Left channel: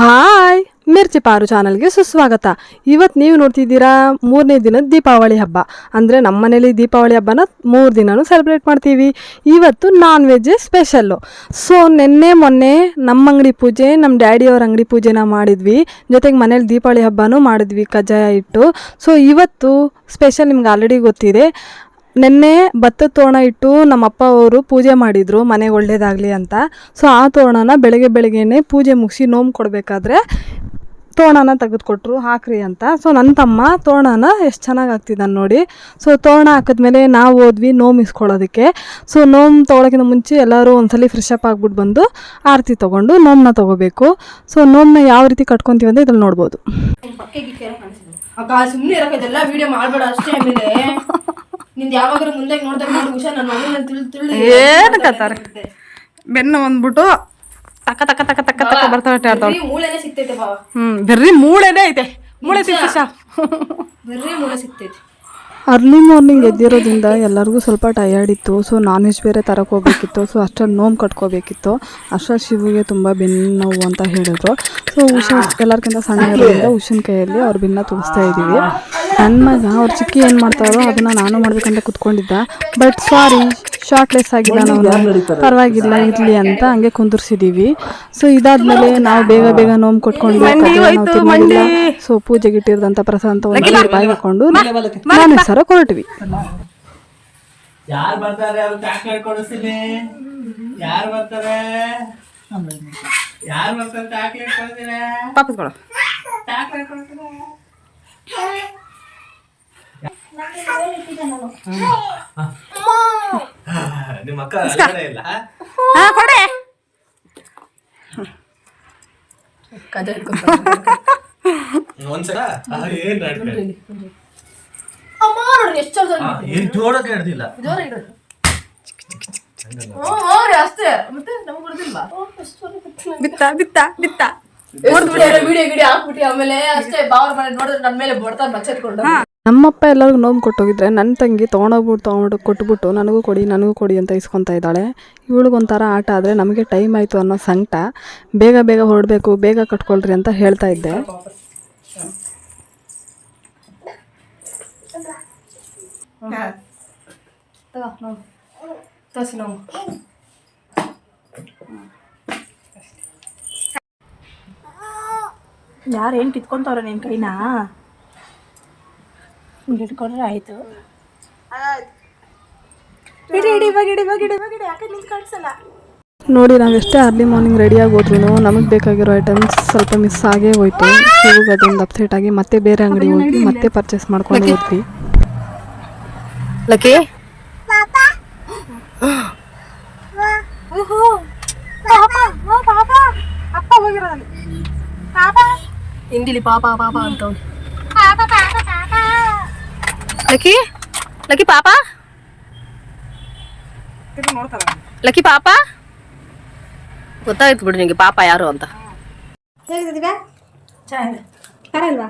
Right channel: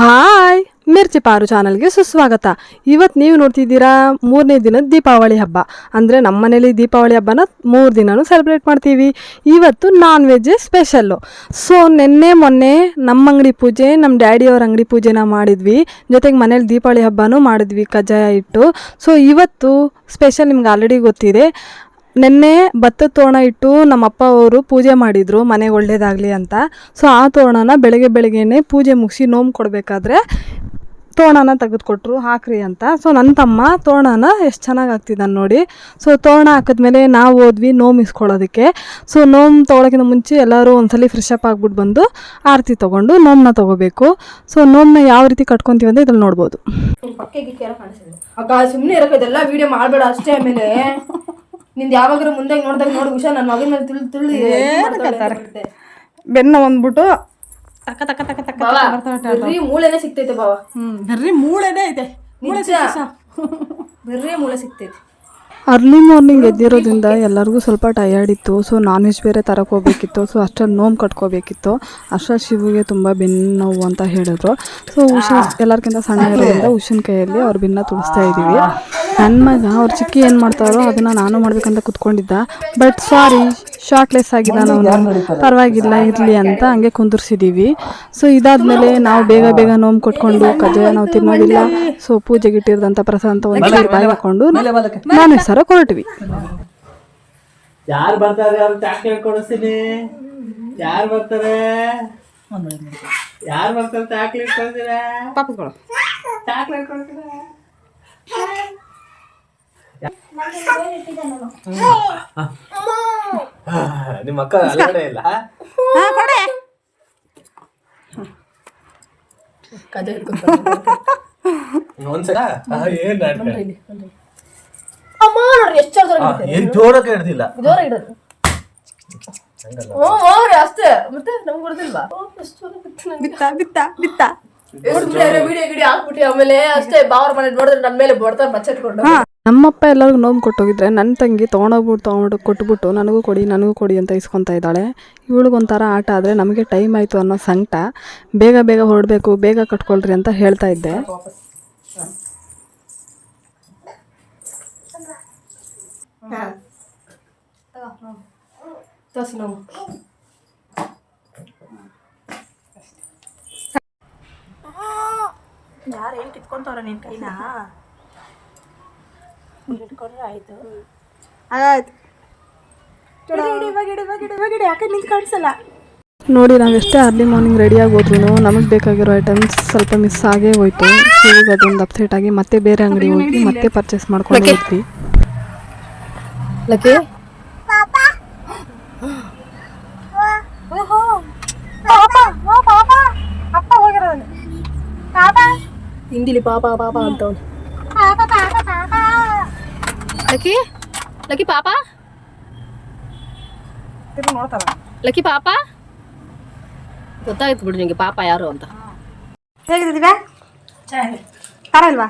Hi ಮಿರ್ಚಿ ಪಾರು ಚಾನಲ್ಗೆ ಸುಸ್ವಾಗತ. ಇವತ್ತು ನೀವು ನೋಡ್ತಿದ್ದೀರಾ 3ನೇ ದಿನದ ದೀಪಾವಳಿ ಹಬ್ಬ. ಅಂದರೆ ನಮ್ಮ ಮನೇಲಿ ದೀಪಾವಳಿ ಹಬ್ಬನ 3 ದಿನನೂ ಸೆಲೆಬ್ರೇಟ್ ಮಾಡ್ತೀವಿ. ಇವತ್ತು ನಾನ್ ವೆಜ್ಜೇ ಸ್ಪೆಷಲ್ಲು. ಸೊ ಮೊನ್ನೆ ನಮ್ಮ ಅಂಗಡಿ ಪೂಜೆ, ನಮ್ಮ ಡ್ಯಾಡಿಯವ್ರ ಅಂಗಡಿ ಪೂಜೆನ ಮಾಡಿದ್ವಿ. ಜೊತೆಗೆ ಮನೇಲಿ ದೀಪಾವಳಿ ಹಬ್ಬನೂ ಮಾಡಿದ್ವಿ ಕಜ್ಜಾಯ ಇಟ್ಟು. ಸೊ ಇವತ್ತು ಸ್ಪೆಷಲ್ ನಿಮ್ಗೆ ಆಲ್ರೆಡಿ ಗೊತ್ತಿದೆ. ನೆನ್ನೆ ಭತ್ತದ ತೋರಣ ಇಟ್ಟು ನಮ್ಮಪ್ಪ ಅವರು ಪೂಜೆ ಮಾಡಿದರು ಮನೆಗೆ ಒಳ್ಳೇದಾಗಲಿ ಅಂತ. ಸೊ ಆ ತೋರಣನ ಬೆಳಗ್ಗೆನೇ ಪೂಜೆ ಮುಗಿಸಿ ನೋವು ಕೊಡಬೇಕಾದ್ರೆ ತೋರಣನ ತೆಗೆದುಕೊಟ್ರು ಹಾಕ್ರಿ ಅಂತ. ಸೊ ನನ್ನ ತಮ್ಮ ತೋರಣನ ಎಷ್ಟು ಚೆನ್ನಾಗಿ ಆಗ್ತಿದ್ದಾನೆ ನೋಡಿ. ಸೊ ತೋರಣ ಹಾಕಿದ್ಮೇಲೆ ನಾವು ಹೋದ್ವಿ ನೋವು ಇಸ್ಕೊಳ್ಳೋದಕ್ಕೆ. ಸೊ ನೋವು ತೊಗೊಳೋಕ್ಕಿಂತ ಮುಂಚೆ ಎಲ್ಲರೂ ಒಂದ್ಸಲ ಫ್ರೆಶ್ ಅಪ್ ಆಗ್ಬಿಟ್ಟು ಬಂದು ಆರತಿ ತೊಗೊಂಡು ನೋಮನ್ನ ತೊಗೋಬೇಕು. ಸೊ ನೋಮನ್ನ ಯಾವ ರೀತಿ ಕಟ್ಕೊತೀವಿ ಅಂತ ಇದ್ರಲ್ಲಿ ನೋಡ್ಬೋದು. ಸುಮ್ಮನೆ ಇರೋಕ್ಕೆಲ್ಲ ವಿಡಿಯೋ ಮಾಡಬೇಡ ಅಷ್ಟೇ. ಆಮೇಲೆ ನಿಂದು ಯಾವಾಗಾದ್ರೂ ಮುಂದೆ ನೋಡಿದಾಗ ನೋಡಿ ಹುಷಾರ್. ನನ್ನ ಮಗನ ತುಳಿ ಏನಕ್ಕತ್ತಾರೆ ಬೆನ್ನ ಒಂದ್ಬಿಟ್ಟು ತಕ್ಕ ತಕ್ಕ ತಕ್ಕ ತಕ್ಕ ತಕ್ಕ ಬರ್ತಾವೆ. ಮೂಳೆನೇ ಸಿಗ್ತೈತೆ ಬಾವ. ಬರ್ರಿ ಮೂಳೆನೇ ಐತೆ. ಮೂಳೆ ಬರ್ರಿ ಮೂಳೆ ಸಿಗ್ತೈತೆ. ಅರ್ಲಿ ಮಾರ್ನಿಂಗ್ ಎದ್ದಿರೋದ್ರಿಂದ ಎಲ್ಲರಿಗೂ ಸ್ವಲ್ಪ ಟಯರ್ಡ್ ಇತ್ತು. ಸೊ ನಾನ್ ವೆಜ್ ಬೇರೆ ತರಕ್ಕೆ ಹೋಗ್ಬೇಕಿತ್ತು. ಸೊ ಅಷ್ಟೊಂದು ನೋವು ಕಟ್ಕೋಬೇಕಿತ್ತು. ಅಷ್ಟೊಂದು ಶಿವಿಗೆ ತುಂಬ ಬೆನ್ನು ನೋವು ಅಂತ ಹೇಳಿದ್ರು. ಸೊ ಉಷಾ ಎಲ್ಲರಿಗಿಂತ ಸಣ್ಣ ಇರೋದ್ರಿಂದ ಉಷನ್ ಕೈಯಲ್ಲಿ ಅವ್ರ ಬೆನ್ನ ತುಳಿಸ್ತಾ ಇದ್ದೀವಿ. ನನ್ನ ಮಗ ಅವ್ರ ಚಿಕ್ಕಿ ಏನು ಮಾಡ್ತಾರೋ ಅದನ್ನು ನಾನು ಮಾಡ್ಬೇಕಂತ ಕುತ್ಕೊಂಡಿದ್ದ. ಬಟ್ ಸಾರಿ ಶಾರ್ಟ್ಲೆಸ್ ಆಗಿದ್ದಾನೆ ಅವನು. ಪರವಾಗಿಲ್ಲ ಇರಲಿ ಅಂತ ಹಂಗೆ ಕುಂದಿರ್ಸಿದ್ದೀವಿ. ಸೊ ಇದಾದ್ಮೇಲೆ ನಾವು ಬೇಗ ನೋವು ಕೊಟ್ಕೊಂಡು ಕಜ್ಜಾಯ ನಾವು ತಿನ್ನೋದಿಲ್ಲ. ಸೊ ಪೂಜೆಗೆ ಇಟ್ಟಿರೋದಂಥ ಪ್ರಸಾದ ಒಂದು ಬಾಯಿ ಹಾಕೊಂಡು ನಾನು ಸರ ಕೊರಟ್ವಿ. ಯಾರು ಬರ್ತಾರೆ ಅವ್ರು ಚಾಕ್ಲೇಟ್ ಕೊಡಿಸ್ತೀನಿ. ಯಾರು ಬರ್ತಾರೆ ಚಾಕ್ಲೇಟ್ ಕೊಡ್ತೀರಾ? ಪಾಪಸ್ ಕೊಡು. ಚಾಕ್ಲೇಟ್ ಕೊಡ್ತೀರಾ? ನಿಮ್ಮ ಅಕ್ಕ ಅಲ್ಲೇ ಇಲ್ಲ. ಕೊಡೆ ಒಂದ್ಸಲ ಏನ್ ಅಮ್ಮ ನೋಡ್ರಿ ಎಷ್ಟು ಏನ್ ಜೋಡಕ್ಕೆ ಹಿಡ್ದಿಲ್ಲ. ಜೋರ ಇಡೋದು ಹೋಗ್ರಿ ಅಷ್ಟೇ. ಮತ್ತೆ ನಮ್ಗೆ ಗೊತ್ತಿಲ್ವಾ ಬಿತ್ತ ವಿಡಿಯೋ ಗಿಡಿ ಹಾಕ್ಬಿಟ್ಟು ಆಮೇಲೆ ಅಷ್ಟೇ. ಬಾವರ ಮನೆ ನೋಡಿದ್ರೆ ನನ್ನ ಮೇಲೆ ಬರ್ತಾರೆ ಬಚ್ಚತ್ಕೊಂಡು. ನಮ್ಮಪ್ಪ ಎಲ್ಲರಿಗೂ ನೋವು ಕೊಟ್ಟೋಗಿದ್ರೆ ನನ್ನ ತಂಗಿ ತೊಗೊಂಡು ಕೊಟ್ಬಿಟ್ಟು ನನಗೂ ಕೊಡಿ ಅಂತ ಇಸ್ಕೊತಾ ಇದ್ದಾಳೆ. ಇವಳಿಗೊಂಥರ ಆಟ ಆದರೆ ನಮಗೆ ಟೈಮ್ ಆಯಿತು ಅನ್ನೋ ಸಂಕಟ. ಬೇಗ ಹೊರಡಬೇಕು, ಬೇಗ ಕಟ್ಕೊಳ್ರಿ ಅಂತ ಹೇಳ್ತಾ ಇದ್ದೆ. ಯಾರೇನು ಕಿತ್ಕೊಂತವ್ರೆ ನಿನ್ನ ಕೈನಾ? ಹಿಡ್ಕೊಂಡ್ರೆ ಆಯ್ತು. ಆಯ್ತು ಇಡಿ ಯಾಕೆ ನಿಂಗೆ ಕಾಣಿಸಲ್ಲ ನೋಡಿ. ನಾವೆಷ್ಟೇ ಅರ್ಲಿ ಮಾರ್ನಿಂಗ್ ರೆಡಿಯಾಗಿ ಹೋದ್ರೂ ನಮಗೆ ಬೇಕಾಗಿರೋ ಐಟಮ್ಸ್ ಸ್ವಲ್ಪ ಮಿಸ್ ಆಗೇ ಹೋಯ್ತು. ಈಗ ಅದೊಂದು ಅಪ್ಸೆಟ್ ಆಗಿ ಮತ್ತೆ ಬೇರೆ ಅಂಗಡಿ ಹೋಗಿ ಮತ್ತೆ ಪರ್ಚೇಸ್ ಮಾಡ್ಕೊಂಡು ಹೋದ್ವಿ. ಲಕ್ಕಿ ಅಪ್ಪ ಹೋಗಿರೋದಲ್ಲ ಹಿಂದಿಲಿ ಪಾಪ ಅಂತವನು. ಲಕ್ಕಿ ಪಾಪ ಲಕ್ಕಿ ಪಾಪ ಗೊತ್ತಾಯ್ತು ಬಿಡು ನಿಂಗೆ ಪಾಪ ಯಾರು ಅಂತ. ಹೇಗಿದ್ದೀರಾ? ಪರಲ್ವಾ?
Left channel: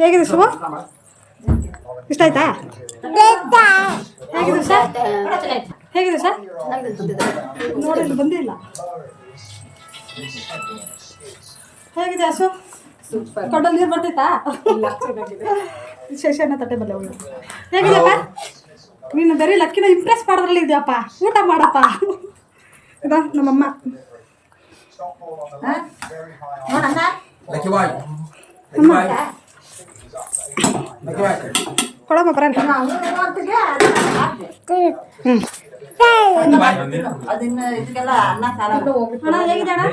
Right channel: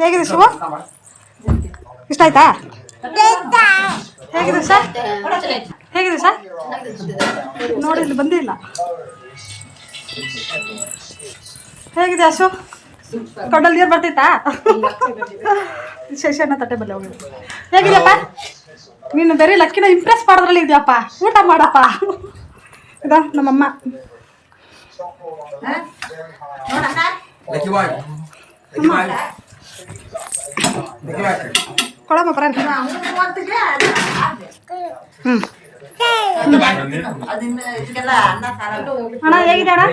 ಹೇಗಿದೆ ಶಿವ? ಇಷ್ಟ ಆಯ್ತಾ? ಹೇಗಿದೆ ಸರ್? ನೋಡಿ ಇಲ್ಲಿ ಬಂದಿಲ್ಲ. ಹೇಗಿದೆ ಅಶು? ಕಡಲ್ ನೀರು ಬರ್ತೈತಾ? ಶೇಷಣ್ಣ ತಟ್ಟೆ ಬಲ್ಲ ಹೋಗಿ. ಹೇಗಿದೆಯಪ್ಪ? ನೀನು ಬೇರೆ ಲಕ್ಕಿನ ಇಂಪ್ರೆಸ್ ಮಾಡೋದ್ರಲ್ಲಿ ಇದೆಯಪ್ಪ. ಊಟ ಮಾಡಪ್ಪ. ಇದಾ ನಮ್ಮಮ್ಮ. ಕೊಡಮ್ಮ ಬರ. ಅಣ್ಣ ಹೇಗಿದೆ ಅಣ್ಣ?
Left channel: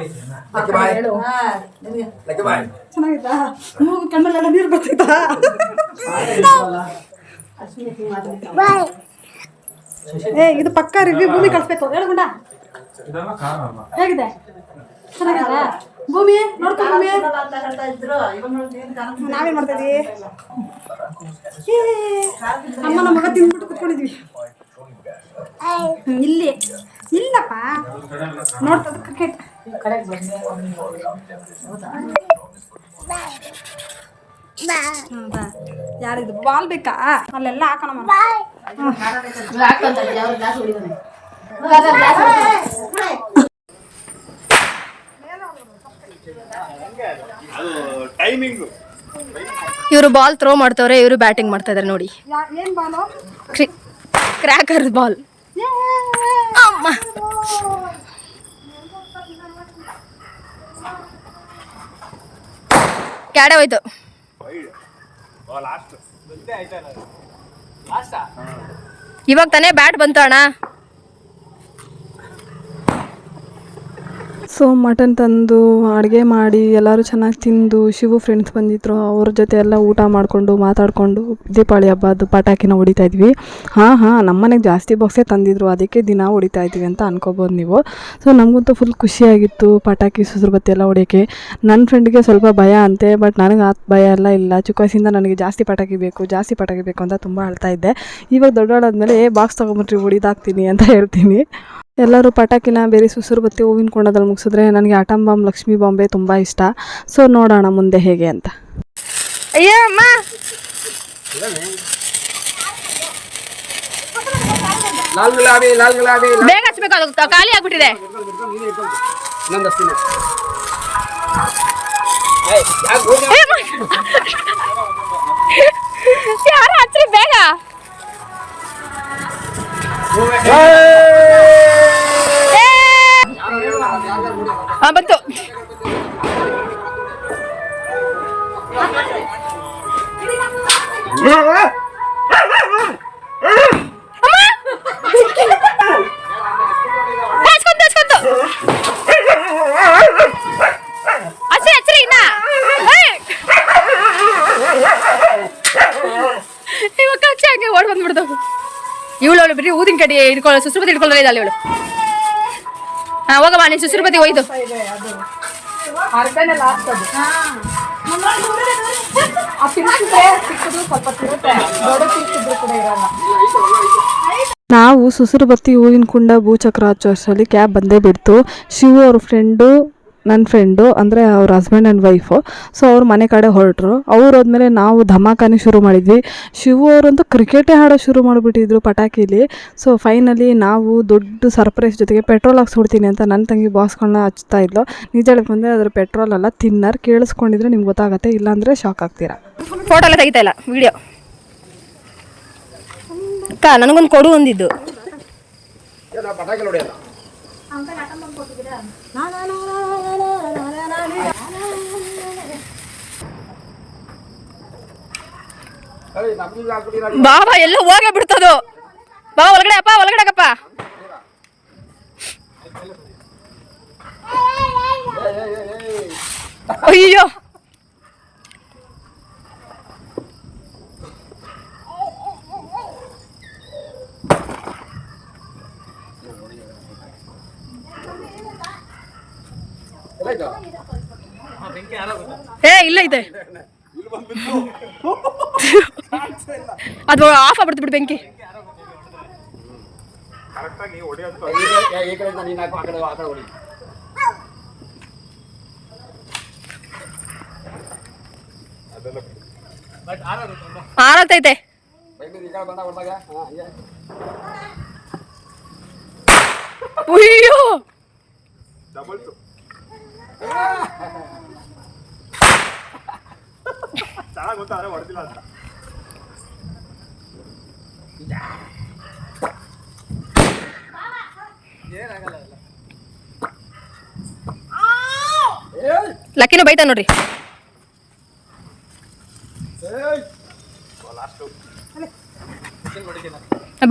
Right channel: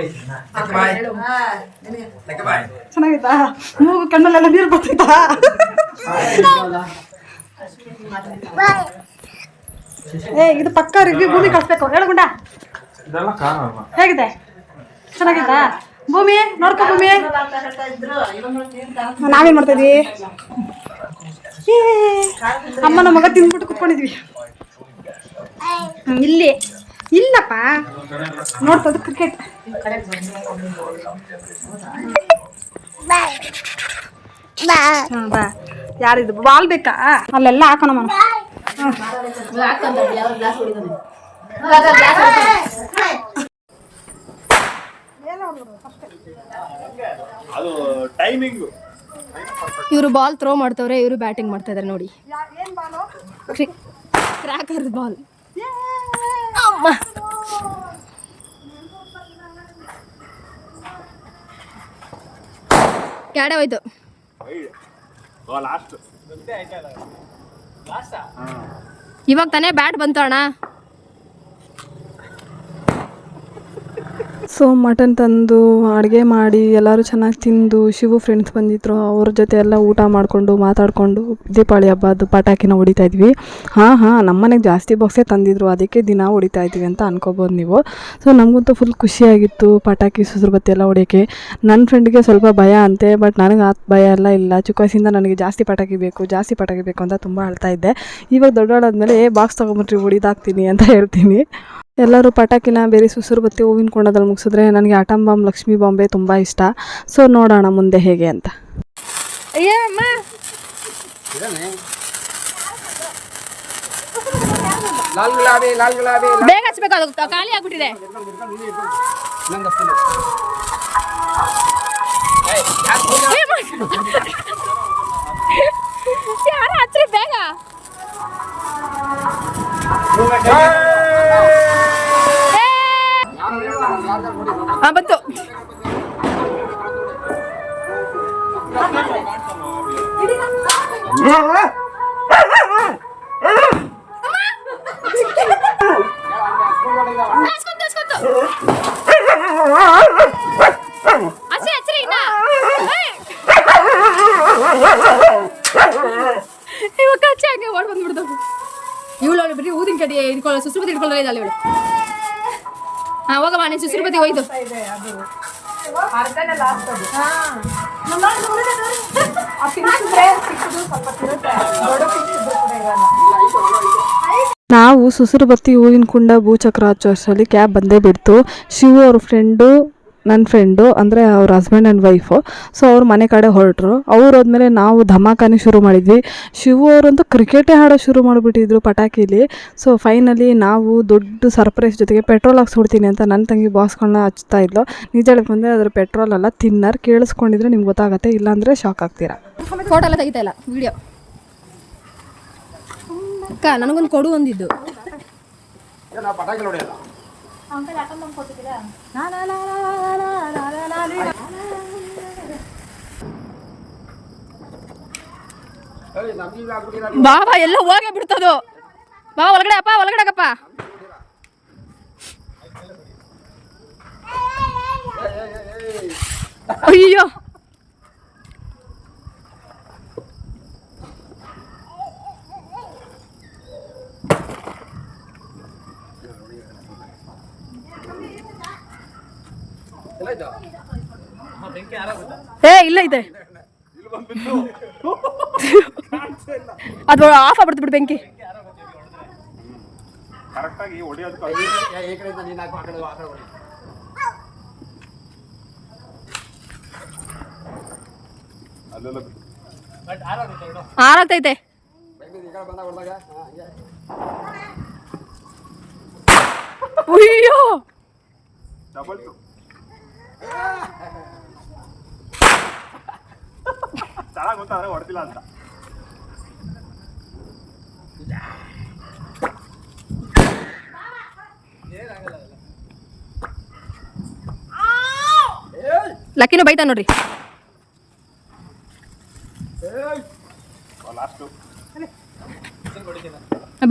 ಚೆನ್ನಾಗಿತ್ತಾ? ಮೂಗು ಕಣ್ಣಲ್ಲೆಲ್ಲ ನೀರು ಬರ್ತೈತಾ? ಇದು ಪಕ್ಕ ರಿವ್ಯೂ ಭೂಮಿ ಕಳಿಸ್ಬೇಕು. ಹೇಳು ಗುಂಡ ಹೇಗಿದೆ? ಚೆನ್ನಾಗಿತ್ತಾ? ಭೂಮಿ ನೋಡ್ಕೊ. ಭೂಮಿ ನಾವೇನ್ ಮಾಡ್ತಿದ್ವಿ? ಅಮ್ಮನ ಮಗ ತಿಂದ್ಬಿಟ್ಟು ಕುತ್ಕೊಂಡಿದ್ವಿ ಇಲ್ಲಿ. ಇಲ್ಲಪ್ಪ ನೋಡ್ತದ ಕ್ರಿಕೆಟ್. ಯಾರಿದು ಬಾಲ್ ಬೇಕಾ? ಅಲ್ಲೆಲ್ಲ ಹಾಕೋಣ. ಅದು ಟೈಮಿಂಗು. ಇವರು ಬಾಲ್ ಥ್ರೋ ಮಾಡ್ತವ್ರೆ, ಇವರು ಬ್ಯಾಟಿಂಗ್ ಮಾಡ್ತಾ ಇದಾರೆ ನೋಡಿ. ಏನು ಬಾಲು? Cracker ball. ಅಮ್ಮ ಕ್ಯಾಡೆ ಹೋಯ್ತು. ಲಾಸ್ಟ್ ಗೊತ್ತೇ ಆಯ್ತಲ್ಲ. ಲಾಸ್ಟಾ? ಇವಾಗ ತಾನೇ ಬ್ಯಾಟ್ ಬಂತು ಅಣ್ಣ. ಸೊ ಮಟನ್ ತಂದು ಅಡುಗೆ ಮಾಡಿ ಎಲ್ಲರೂ ಚೆನ್ನಾಗಿ ತಿಂದು, ಶಿವು ಫ್ರೆಂಡ್ಸ್ ಬಂದಿದ್ರು, ಅವ್ರ ಜೊತೆ ಎಲ್ಲ ಊಟ ಮಾಡಿಕೊಂಡು ಮಾತಾಡಿಕೊಂಡು ದೀಪಾವಳಿ ಹಬ್ಬದ ಪಟಾಕಿನ ಹೊಡಿತಾ ಇದ್ವಿ. ನಮ್ಮ ಮನೆಗೆ ಜಾಸ್ತಿ ಬಾಕ್ಸೇ ತಂದಿದ್ರು, ಅದಕ್ಕೆ ದಿನ ಹೊಡಿತಾ ಇದ್ವಿ ಅಂತ ಅನ್ಕೋಬೋದು ನೀವು. ಸೊ ನಮಗಂತೂ ಫುಲ್ ಖುಷಿಯಾಗಿತ್ತು ಪಟಾಕಿ ಸುಸ್ರು ಬತ್ತಿ ಎಲ್ಲ ಹೊಡಿಯೋಕ್ಕೆ. ನನ್ನ ಫ್ರೆಂಡ್ಗೆ ಸ್ವಲ್ಪ ಭಯ ಅಂತೆ, ಬಟ್ ನನಗೆ ಆ ಭಯ ಎಲ್ಲ ಇಲ್ಲ. ಚಿಕ್ಕ ವಯಸ್ಸಿಂದ ನನಗೆ ಜಾಸ್ತಿ ಪಟಾಕಿ ಬೇಕು ಅಂತ ತುಂಬ ಅಳ್ತಾ ಇದ್ದೆ. ಇವಾಗ ದೊಡ್ಡವಳಾದ್ಮೇಲೆ ಬಾಕ್ಸ್ ತೊಗೊಂಬಿಟ್ರಿ ಹೊಡಿದಾಕ್ತೀನಿ ಅಂತ ಹೇಳ್ತೀನಿ. ಎಲ್ಲರೂ ಪಟಾಕಿನ ಬೇರೆ ಸುಸುರು ಬತ್ತಿ ಹೂವಿನ ಕೊಂಡದಲ್ಲಿ ಮುಗಿಸಿದ್ರೆ ನನಗೆ ಆಟಮ್ ಬಾಂಬ್, ಲಕ್ಷ್ಮೀ ಬಾಂಬೆ ತುಂಬ ಇಷ್ಟ. ಸೊ ನೋಡೋಣ ಮುಂದೆ ಹೇಗೆ ಅಂತ. ಅಯ್ಯೋ ಅಮ್ಮ, ಬೇಗ ಹಚ್ಬೇಕು, ಅದು ಖಾಲಿ ಆಗ್ಬಿಟ್ಟಿದೆ. ಯಾರು ಹಚ್ಚ್ರಿ ಬೇಗ. ಬಂತು. ಹಚ್ಚ್ರಿ ಇನ್ನ. ಇವಾಗ ಹಚ್ಚಿ ಹಂಗೆ ಓಡ್ ಬಂದ್ಬಿಡ್ತಾವ. ಇವಳು ಬಿಡ್ರಿ ಊದಿನ ಕಡೆ ಹಿಡ್ಕೊಳ್ಳೋ, ಸುಸ್ರುಬತ್ತಿ ಹಿಡ್ಕೊಳ್ಳೋ ಇದ್ದಾಳೆ ಇವಳು. ಹೋಗಮ್ಮ, ನೀನು ಸುಸ್ರುಬತ್ತಿ ಒಯ್ದು. ನಾವು ಸುಸುರು ಬತ್ತಿ ಹೂವಿನ ಕುಂಡ ಭೂಚಕ್ರ ಹಚ್ಚೋ ಅಷ್ಟರಲ್ಲಿ ಕ್ಯಾಬ್ ಬಂದೇ ಬಿಡ್ತು. ಶಿವು ಅವ್ರ ಫ್ರೆಂಡು, ನನ್ನ ಫ್ರೆಂಡು ಅಂದರೆ ಅವ್ರ ಹಸ್ಬೆಂಡ್ ಆ್ಯಂಡ್ ವೈಫು. ಸೊ ಅವ್ರ ಮನೆ ಕಡೆ ಹೊರಟರು. ಅವ್ರು ಹೋದ್ಮೇಲೆ ನಾವು ಧಮಾಕಾನೆ ಶುರು ಮಾಡಿದ್ವಿ. ಶಿವು ಅವರಂತೂ ಕ್ರಿಕೆಟೇ ಆಡೋ ಶುರು ಮಾಡಿಬಿಟ್ಟಿದ್ರು ಪಟಾಕಿಲಿ. ಸೊ ಫೈನಲಿ ನಾವು ದೊಡ್ಡ ಸರ್ಪ್ರೈಸ್ ಜೊತೆಗೆ ಪೆಟ್ರೋಲ್ ಹಾಕ್ಸ್ಬಿಡ್ತೀನಿ ಅಂತ ನನ್ನ ತಂಗಿ ಬಾಕ್ಸ್ಗಳನ್ನ ಹಚ್ತಾ ಇದ್ಲು. ನಿಜ ಬಂದರೆ ಅದ್ರ ಪೆಟ್ರೋಲ್ ಅಲ್ಲ, ತಿನ್ನರ್. ಕೇಳಿಸ್ಕೊಂಡಿದ್ರೆ ನಿಮ್ಗೆ ಗೊತ್ತಾಗುತ್ತೆ, ಇಲ್ಲಾಂದರೆ ಶಾಕ್ ಆಗ್ತೀರಾ. ಫೋಟೋ ಎಲ್ಲ ತೆಗಿತಾ ಇಲ್ಲ, ವಿಡಿಯೋ. ಅಕ್ಕ ನನಗೊಂದು ಕೊಡು ಒಂದಿದ್ದು. ಬಾಬಾ ಎಲ್ಲ ಹೋಗೇ ಬಿಡ್ತದು. ಬಾ ಒಳಗಡೆ ಅಪ್ಪ, ಒಳಗಡೆಗಪ್ಪ. ಅಯ್ಯೋ ಇಲ್ಲ ಇದೆ, ಅದು ಆಫ್ ಆಗ್ಬಿಡ್ತು ಬಿಡು ಬೆಂಕಿ. ಆರತೈತೆ. ಅಯ್ಯೋ ಚೆನ್ನಾಗಿ ಗೊತ್ತಾದ್ರೆ ಹೊಡೆದಿಲ್ಲ ಅಂತ. ಲಕ್ಕಿನೂ ಬೈತಾ ನೋಡ್ರಿ.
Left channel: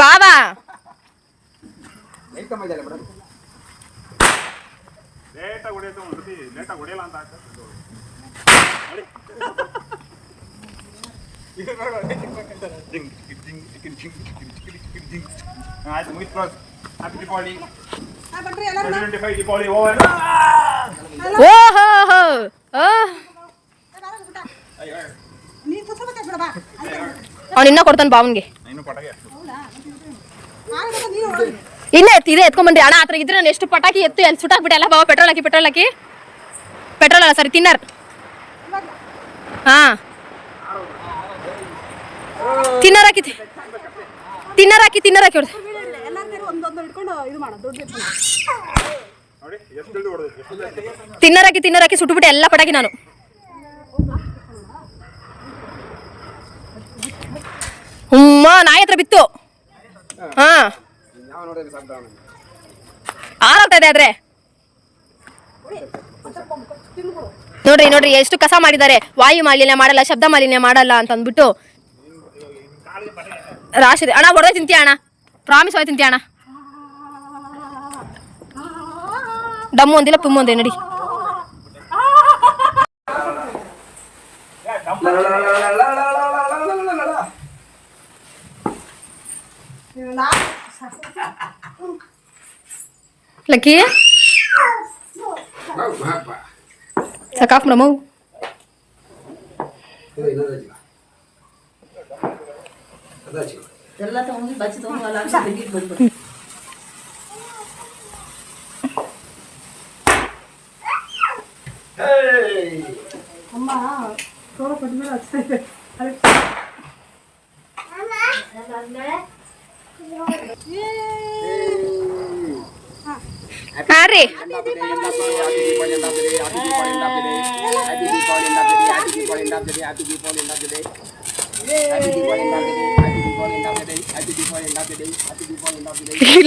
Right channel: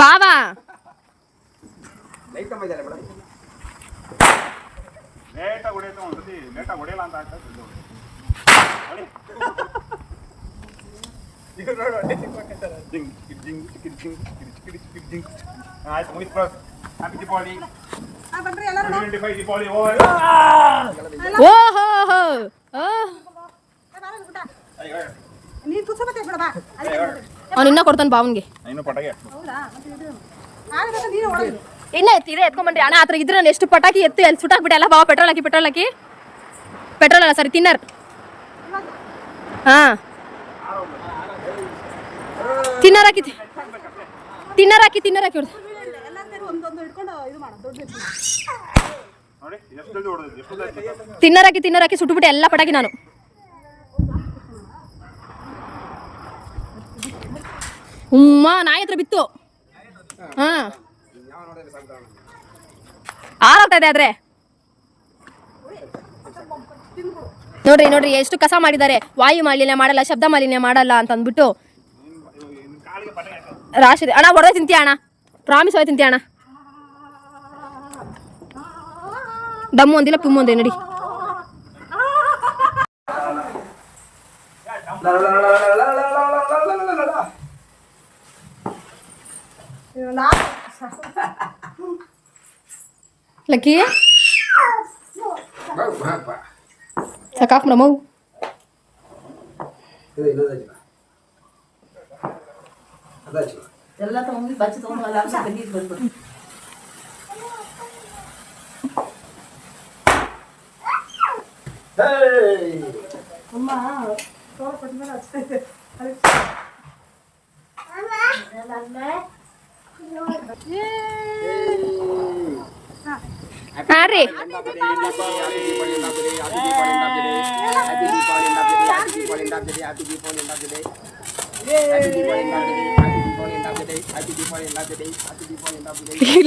ಬಾಬಾ ಲೇಟಾಗಿ ಹೊಡೆಯುತ್ತೆ, ಒಂದು ಲೇಟಾಗಿ ಹೊಡೆಯಲ್ಲ ಅಂತ ಆಗ್ತದೆ. ಆಯ್ತು, ಮುಗಿತು. ಹ್ಯಾಪಿ ದೀಪಾವಳಿ. 2025 ದೀಪಾವಳಿ ಓವರ್. ಓಹೋ ಅವ್ನು ಇನ್ನ ಕೊಡ್ತಾನೆ ಬಾವನ್ಗೆ. ಇನ್ನು ಪಟಾಕಿ ಇನ್ನ ಇದೆ ಎತ್ಕೊಂಡ್ಬಂದ್ರಿ ಅಣ್ಣ. ಆತರ ಇದ್ರೆ ನಾನು ಎಷ್ಟು ಪಟಾಕಿ ಎತ್ತು ಎಲ್ಲಿ ಸುಟ್ಟಾಕ್ಬಿಟ್ಟೆ ಎಲ್ಲ. ಬಾವ ಪೆಟ್ರೋಲ್ ಹಾಕಿ ಪೆಟ್ರೋಲ್ ಅಲ್ಲ ಸರಿ, ತಿನ್ನರ್. ಹಾ ತಿನ್ನರ್ ಹಾಕಿ ಹೊಡ್ದು. ನೋಡಿ ಎಷ್ಟು ಜಲ್ದಿ ಹೊಡೆದಿದ್ದು, ಎಷ್ಟು ಜಲ್ದಿ. ತಿನ್ನರಾಕಿ ಸುಟ್ಟುಬಿಟ್ಟೆ ಎಲ್ಲ ಪಟಾಕಿ ನಾನು. ನಾಯಿ ಹತ್ರ ಬಿತ್ತು. ಹಾ ಆರೋಗ್ತಾ ಇದೆ ಆದ್ರೆ ನೋಡ್ರಿ ಎಷ್ಟು ಕಸ ಮಾಡಿದ್ದಾರೆ. ವಾಯು ಮಾಲಿನ್ಯ ಮಾಡಲ್ಲ, ಶಬ್ದ ಮಾಲಿನ್ಯ ಮಾಡಲ್ಲ ಅಂತ ಅಂದ್ಬಿಟ್ಟು ರಾಶಿ. ಅಣ್ಣ ಹೊಡೆದ ತಿಂತೀಯ ಅಣ್ಣ, ಪ್ರಾಮಿಸ್ ಹೊಡೆ ತಿಂತೀಯ ಅಣ್ಣ. ಡಮ್ಮು ಒಂದಿಲ್ಲ ಪುಮ್ಮು ಒಂದೇ ನಡಿ. ಲಕ್ಕಿ ಸಾಕಾಫ್ ನಮ್ಮವು ಎಲ್ಲ ತಗೊಂಡು ಬಚ್ಚಿ ತಗೊಂಡು ಅಲ್ಲ ಬೆಂಕಿಗೆ ಬಂದ್ಬಿಟ್ಟು ಅಮ್ಮ ಸೋಲ ಕೊಟ್ಮೇಲೆ ಹಚ್ತೈತೆ ಅದಕ್ಕೆ ಹಾಂ ರೀ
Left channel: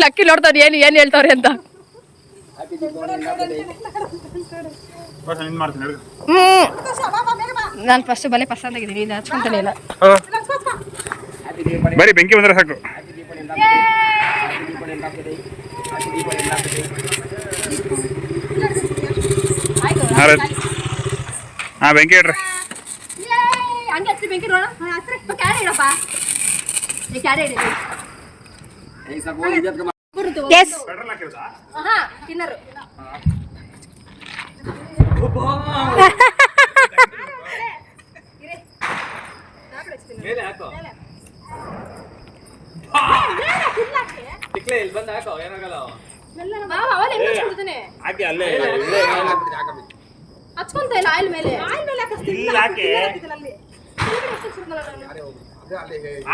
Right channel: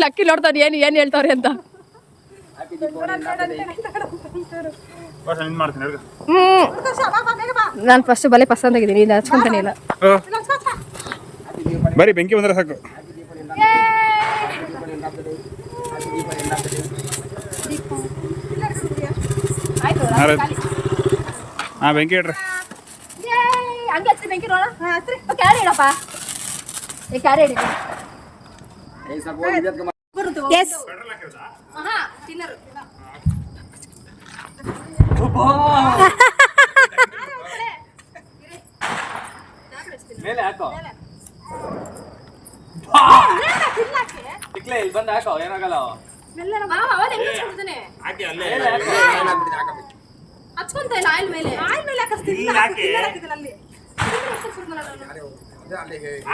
ಲಕ್ಕಿ ನೋಡ್ತಾವ್ರಿ ಏನು ಹೇಳ್ತಾವ್ರಿ ಅಂತ. ನಾನು ಫಸ್ಟ್ ಬಲೆ ಪಸಂದ್ ಆಗಿದ್ದೀನಿ, ಇದು ಹಚ್ಕೊಂತಾನೆ ಇಲ್ಲ. ಬರೀ ಬೆಂಕಿ ಬಂದ್ರೆ ಸಾಕು. ಹಾಂ ಬೆಂಕಿ ಇಡ್ರಿ. ಹಂಗೆ ಹಚ್ರಿ ಬೆಂಕಿ ನೋಡ. ಕ್ಯಾರಿ ಇಡಪ್ಪ, ಕ್ಯಾರಿ ಇಡಿ. ಎಸ್ ಹಾಂ ತಿನ್ನರು ಮೇಲೆ ಹಾಕೋ ಟಿಕ್ಲೆ ಇಲ್ಲಿ ಬಂದು ಹಾಕೋ ಏನಾಗಲ್ಲ. ಹಾಕಿ ಅಲ್ಲೇ ಹಚ್ಕೊಂತ ಇಲ್ಲ ಆಯಿಲ್ ಮೇಲೆ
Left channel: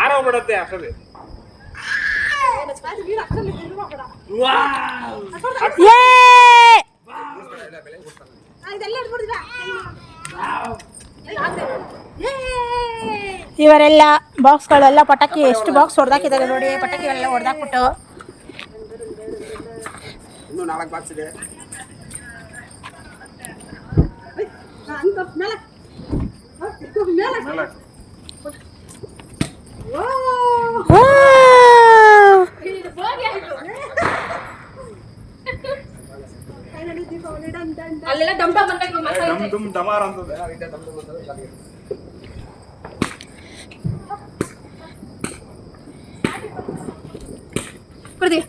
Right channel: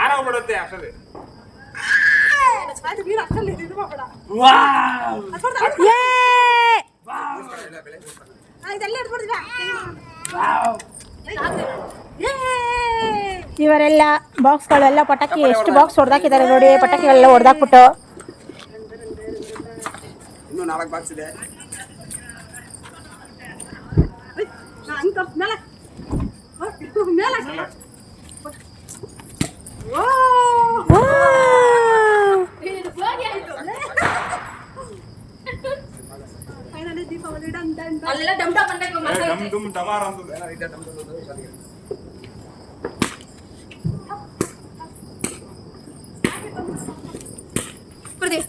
ಆರೋಗ್ಬಿಡತ್ತೆ ಅಸಲಿ. ಇವರೆಲ್ಲ ಬಾಕ್ಸ್ಗಳೆಲ್ಲ ಪಟಾಕಿ ಎಷ್ಟು ಬಾಕ್ಸ್ ಹೊಡೆದಾಕಿದ್ದಾರೆ ನೋಡಿ. ಪಟಾಕಿಗಳೆಲ್ಲ ಹೊಡೆದಾಕ್ಬಿಟ್ಟು ಇನ್ನೂ 4 ಬಾಕ್ಸ್ ಇದೆ. ಅಲ್ಲೆಲ್ಲ ಡಮ್ ಡಮ್ ಅಂತ ಡಮ್ ಡುಮ್ ಡಮಾರ್ ಅಂತದೆ. ಕೊಡ್ದಿ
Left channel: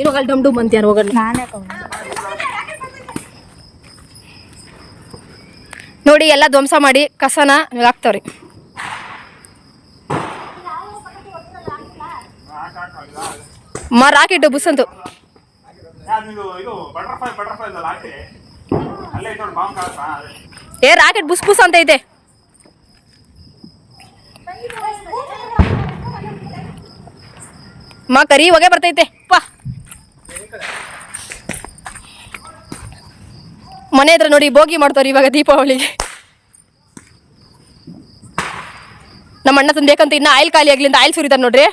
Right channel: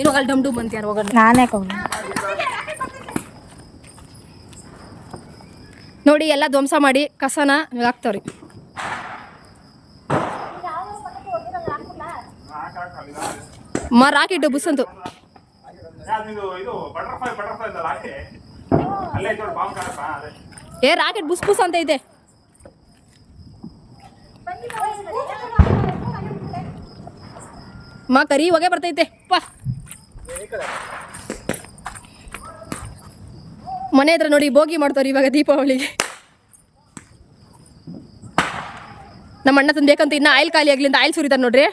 ಏನು ಅಲ್ಲಿ ಡಮ್ ಡಮ್ ಅಂತೀಯಾರು ಹೋಗೋಣ. ನಾನೇ ನೋಡಿ ಎಲ್ಲ ಧ್ವಂಸ ಮಾಡಿ ಕಸನ ಹಾಕ್ತಾವ್ರಿ. ರಾಕೆಟ್ ಬುಸ್ ಅಂತೂ ಇದು ಬಟರ್ಫ್ಲೈ ಇದಲ್ಲ ಹಾಕಿ ಅಲ್ಲೇ ಇತ್ತು ಬಾಂಬ್ ಕಾಣತ್ತಾ ಅದೇ. ರಾಕೆಟ್ ಬುಸ್ ಬುಸ್ ಅಂತ ಐತೆ. ಕರಿ ಹೊಗೆ ಬರ್ತೈತೆ ಪಾ. ಮನೆ ಹತ್ರ ನೋಡಿ ಬೋಗಿ ಮಾಡ್ತಾವ್ರಿ ಇವಾಗ ದೀಪಾವಳಿಗೆ. ನಮ್ಮ ಅಣ್ಣ ತಂದು ಬೇಕಂತ ಇನ್ನು ಆಯಿಲ್ ಖಾಲಿ ಆಗ್ಲಿ ಅಂತ ಆಯಿಲ್ ಸುರಿತಾರೆ ನೋಡ್ರಿ,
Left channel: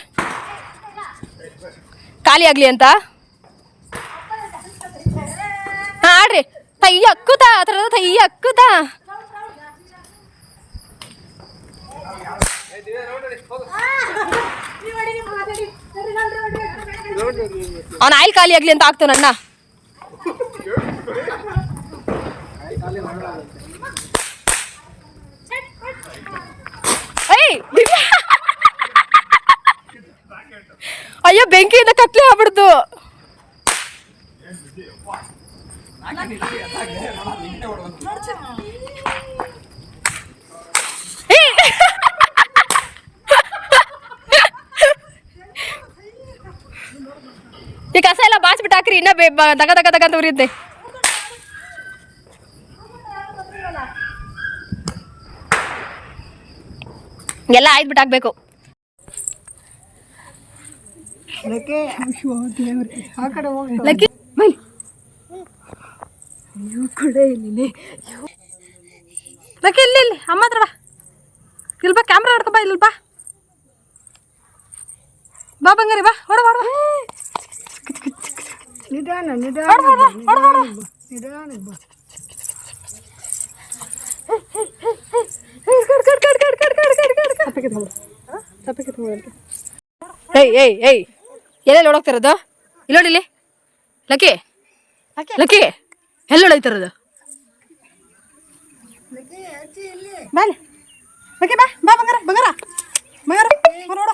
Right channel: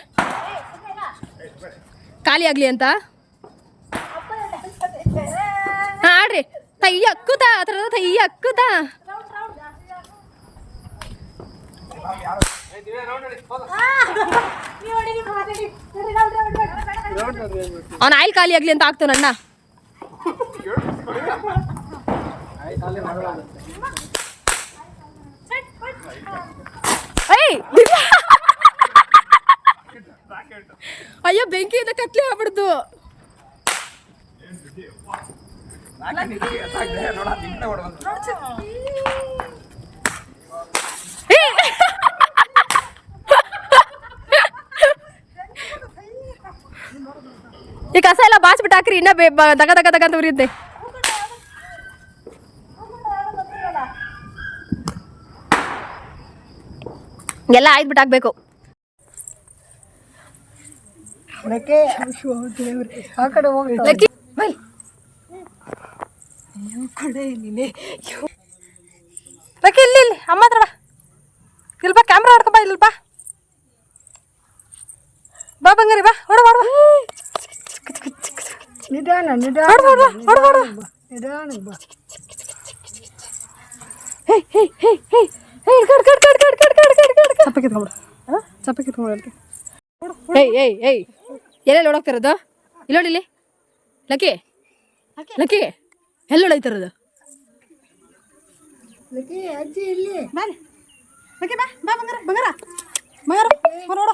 ಖಾಲಿ ಆಗ್ಲಿ ಅಂತ. ಹಾಂ ಆಡ್ರಿ ತೈ ಅಕ್ಕುತಾ ಆ ಥರದ ತೈ ಅಕ್ಕುತಾ. ಅವನ ಆಯಿಲ್ ಖಾಲಿ ಆಗ್ಲಿ ಅಂತ ಆಗ್ತಾನ ಅಣ್ಣ. ಅಯ್ಯೋ ಬೆಂಕಿಯಿಂದ ಕತ್ಲೆ ಆಗ್ಬಿಡ್ತು. ಈ ಕಸ ಎಲ್ಲ ಬಾಚ್ಬಿಟ್ಟು ಹಾಕ್ರಿ, ಇನ್ನ ದಗ ದಗ ದಗ ಅಂತ ಉರಿಯುತ್ತೆ. ಎಲ್ಲ ಆಯ್ದ್ಬಿಟ್ಟು ಹಾಕ್ಬೇಕು. ಲಕ್ಕಿ ಬೈ ಲಕ್ಕಿ ಇಲ್ಲಿ ಇಲ್ಲಿ ಅಮ್ಮ ಹತ್ರ ಬಾ, ಇಲ್ಲಿ ಬಾ, ಕ್ಯಾಮ್ರಾ ಹೊಡ್ಕೊ ಬಾ, ಇಲ್ಲಿ ಬಾ ಬಾ ಬಂಗಾರಿ, ಬಾ ಹೊಡ ಹೊಡ ಚಪ್ಪ ಕಿತ್ಕೊಂಡ್ಬಿಡು, ಚಪ್ಪ ಕಿತ್ಕೊಂಡ್ಬಿಡು. ಏಯ್ ಎಲ್ಲೆಲ್ಲಿ ಓಡೋಗ್ತಿರೋದು? ಇಲ್ಲಿ ನೋಡಿಲಿ ಲಕ್ಕಿ, ಲಕ್ಕಿ ಎಲ್ಲಿ ಓಡೋಗ್ತಿರೋದು? ಬಾ ಲಕ್ಕಿ, ಬಾ ಬಾ ಬಂಗಾರ ಬಂಗಾರ ಬಂಗಾರ ನೋಡ,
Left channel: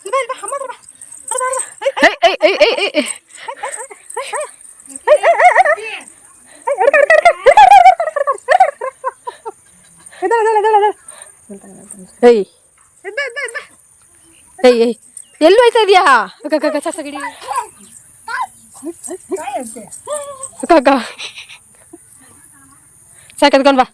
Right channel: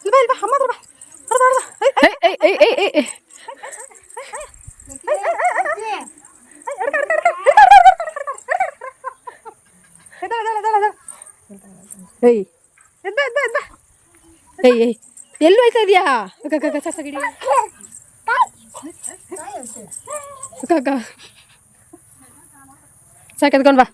ಇಲ್ಲಿ ಬಾ, ಇಲ್ಲಿ ಬಾ, ಅಮ್ಮ ಹತ್ರ ಬಾ, ಹೊಡ ಹೊಡ ಏಯ್ ಎಲ್ಲಿ ಹೋಯ್ತಾ ಇದೀಯಾ? ಗಿಡಿ ಸಾಕೆತ್ಕೊಂಡ್ ಬಾ,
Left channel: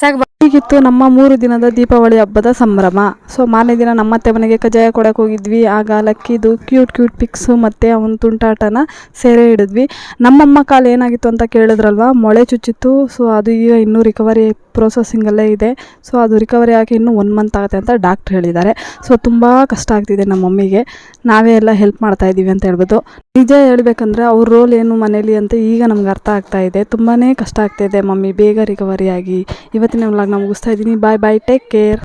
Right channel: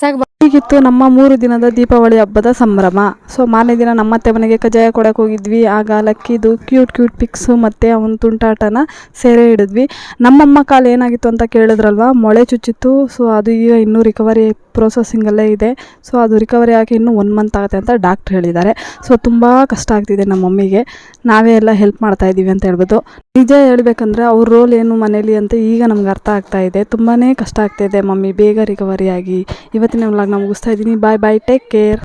ಸಾಕು ಬಾ. ಹೀಗಿತ್ತು ನಮ್ಮ 3 ದಿನದ ದೀಪಾವಳಿ ಹಬ್ಬದ ಸಂಭ್ರಮ. ಸೊ ಮಾರನೇ ದಿನ ನಮ್ಮತ್ತೆ ಮನೆಗೆ ಕಜ್ಜಾಯ ಕೊಡಕ್ಕೆ ಹೋಗಿದ್ವಿ. ಆಗ ಲಕ್ಕಿದು ಕ್ಯೂಟ್ ಪಿಕ್ಸು ಮತ್ತು ಅವನ ತುಂಟಾಟನ ಸೆರೆ ಹಿಡಿದ್ವಿ. ನಮ್ಮಮ್ಮ ಕಾಲು ಏನಾಗಿತ್ತು ಅಂತ ಕೇಳಿದ್ರಲ್ವ, ಮೊಳೆ ಚುಚ್ಚಿತ್ತು. ಸೊ ಅದು ಈಗ ಇನ್ನೂ ರಿಕವರಿ ಪ್ರೊಸೆಸಿಂಗಲ್ಲೇ ಇದೆ. ಸೊ ಅದು ರಿಕವರಿ ಆಗಿ ಇನ್ನೂ 1 ಮಂತ್ ಆಗುತ್ತೆ ಅಂತ ಡಾಕ್ಟ್ರ್ ಹೇಳಿದ್ದಾರೆ. ಸೊ ತುಂಬ ಕಷ್ಟ ಆಗ್ತಿದೆ ನಮ್ಮ ಮಮ್ಮಿಗೆ, ನಾವೇ ಎಲ್ಲ ಹೆಲ್ಪ್ ಮಾಡ್ತಾಯಿದ್ದೀವಿ ಅಂತ ಹೇಳ್ಬೋದು. ನಿಜ ಹೇಳ್ಬೇಕಂದ್ರೆ ಅವ್ರ ರೋಲ್ ಏನು ಮನೇಲಿ ಅಂತ ಈಗ ನಮ್ಗೆ ಅರ್ಥ ಆಗ್ತಾ ಇದೆ. ತುಂಬಾ ಕಷ್ಟ ಆಗ್ತಾಯಿದೆ ಮಮ್ಮಿ ಬೇಗ ರಿಕವರಿ ಆಗಿ. ಇವತ್ತಿನ ವ್ಲಾಗ್ನ ಮುಗಿಸ್ತಾ ಇದ್ದೀನಿ. Bye take care.